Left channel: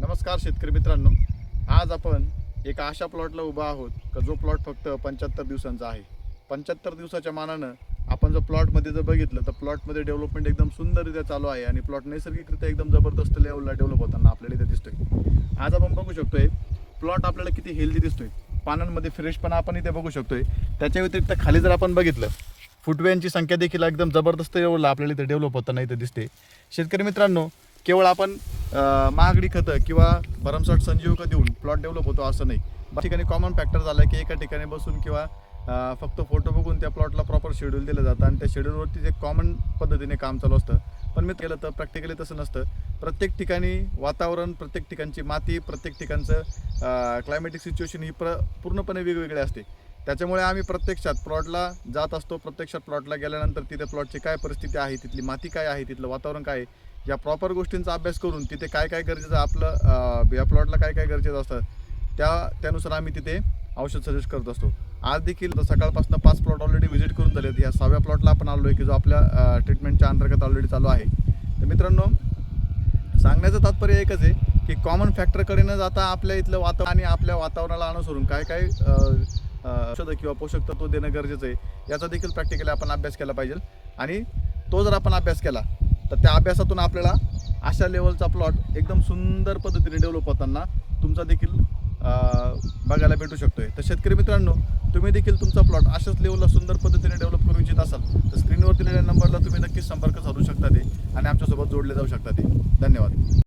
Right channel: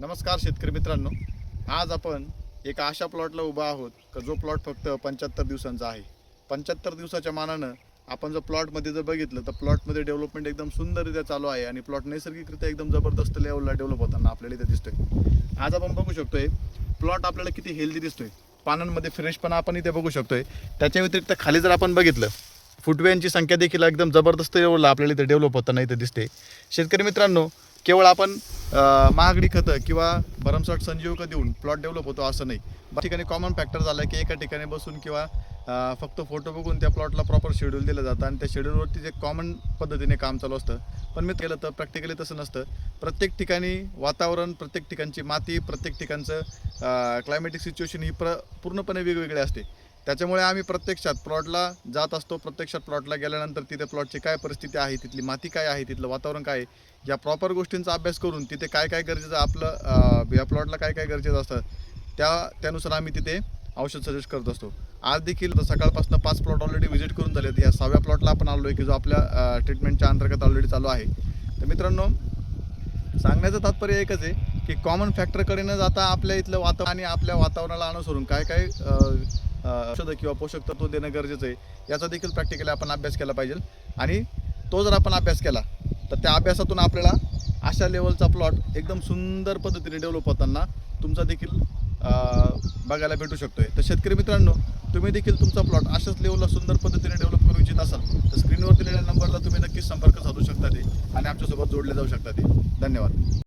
नमस्कार शेतकरी मित्रांनो, आज आपण एका अशा प्लॉटला उभा आहोत का जो प्लॉट फक्त 75 दिवसांचा आहे. 75 दिवसाच्या मानानं आपण जर प्लॉटमध्ये जर बघितलं तर प्लॉटमध्ये डेव्हलपमेंट एकदम सुंदररित्या चालू आहे आणि प्लॉट नैसर्गिकरित्या एकदम जबरदस्त लेवलला डेव्हलप होताना आपल्याला इथे दिसतोय. आज आपण बघू शकतोय प्लॉट आपल्याला किती हेल्दी दिसतोय, पानांमध्ये फ्रेशपणा आपण इथे बघू शकतोय. त्याच्या व्यतिरिक्त खाली जर आपण बघितलं फुटव्यांची संख्या देखील एकदम जबरदस्त लेवलला आपल्याला इथे डेव्हलप होताना इथे दिसते. शेतकरी मित्रांनो, केवळ आपण महागडी खतं किंवा भरमसाठ संजीवक देऊन प्लॉट डेव्हलप होतो असं नाही. ठिकाणी कॉमन फॅक्टर झाला की एका ठिकाणी बसून किंवा फक्त फोटो बघून त्या प्लॉटला प्रॉपर शेड्यूल दिलं जातं आणि त्या शेड्यूलवरती जे कॉमन पद्धतीने काम चालू असतं. पण मी केलं तर प्रॅक्टिकली तसं नसतं. प्रत्येक ठिकाणी वातावरण, प्रत्येक ठिकाणची माती, प्रत्येक ठिकाणचं क्लायमॅटिक सिच्युएशन ही पूर्णपणे वेगवेगळे असते. त्याच्यामुळे आम्ही प्रत्यक्षात प्लॉटला जात असतो. प्रत्यक्षात प्लॉटला गेल्यानंतर तिथे प्लॉटची काय परिस्थिती आहे, तिथली माती काय आहे, तिथलं वातावरण काय आहे, या प्रॉपर गोष्टींचा अभ्यास करून तिथे काय काय गरजेचं आपलं या प्लॉटला काय काय गरजेचं असतं त्यानुसार आम्ही तिथे औषध सजेस्ट करत असतो. आज देखील सकाळपासून 5 प्लॉट ऑलरेडी व्हिजिट करून झालेत. या 6व्या प्लॉटला आपण आलो आहे की जो आपल्या ट्रीटमेंटच्या अंतर्गत ऑलरेडी चालू आहे. तर मित्रांनो, सांगण्याचं तात्पर्य एकच आहे की कॉमन फॅक्टरकडे न जाता आपल्या इथलं वातावरण आणि आपल्या वातावरणाला अनुसरून काय काय औषधं किंवा पोषक तत्व देणं गरजेचं आहे याचा देखील प्रॅक्टिकली आपण अभ्यास केला पाहिजे. आणि तो जर आपण अभ्यास केला तर त्या अभ्यासातून आपल्याला अशा लेवलचा प्लॉट एकदम सुंदर पद्धतीने डेव्हलप होताना तुमचा देखील बघायला भेटू शकतोय. तर शेतकरी मित्रांनो, तुम्ही देखील तुमचा प्लॉट अशाच लेवलला सुंदर पद्धतीने डेव्हलप करू इच्छित असाल तर स्क्रीनवर दिलेल्या नंबरला तुम्ही नक्कीच संपर्क साधू शकता ते आणि आमच्यासोबत जोडले जाऊ शकता ते. धन्यवाद.